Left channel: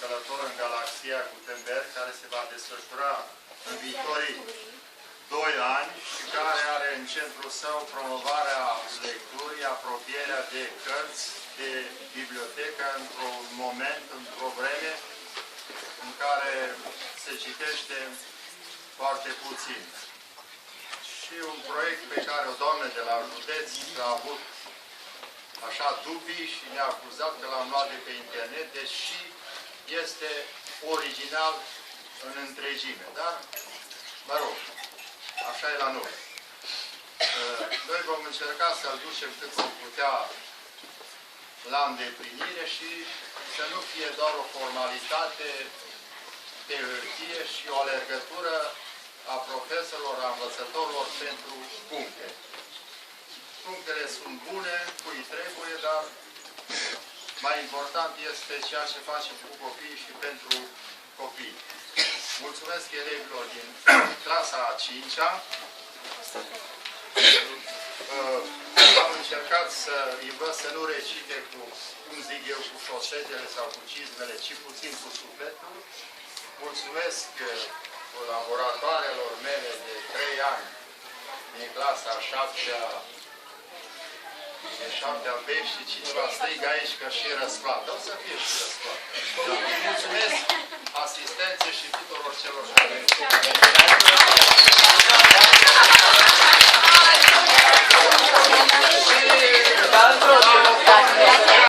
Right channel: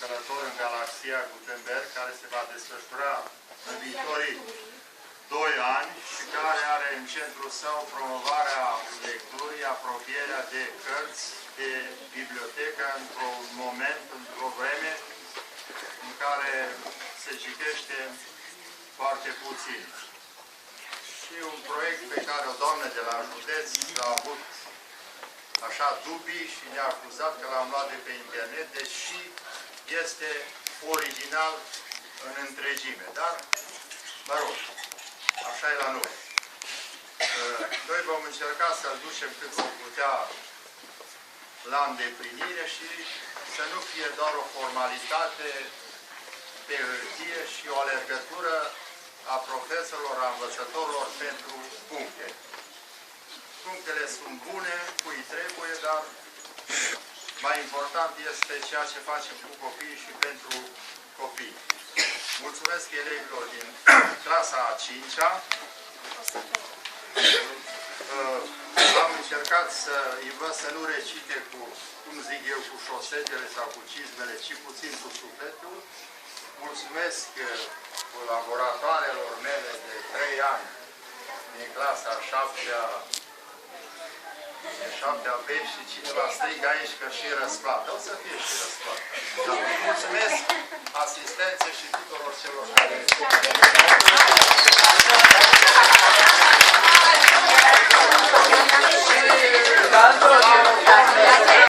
călător în galaxia Gutenberg, care se va desfășura în viitorii 2 ani și care are în centrul său promovarea lecturii, apropierea de cărți, de bibliotecă, într-un moment, într-o vreme în care se citește foarte puțin. Și un proiect pe care o doamnă de la județ a avut așa dubii și ne-a acuzat că l-am luat de pe internet, deși este original în întregime. Dar, mă rog, așa e la noi. Noi vom încerca să-l ducem cât vom putea la îndeplinire și să nu fie doar o formalitate pe hârtie și o alergătură a profesorilor, a învățătorilor pentru puncte. Punctele sunt bune, cui trebuie, dar mai important este ceea ce facem cu copiii și pentru copii. Mulțumesc elevilor din clasa a 5-a. Am încercat să învăț să nu recite cu, cum zic eu, cu șosetele sau cu cizmele, ci puțin cu sufletul. Mulțumesc colaboratoarelor mele de 3 ani din clasa a 7-a B și cineva strigă aici că și răsplată. O să fie și răsplată. Mulțumesc!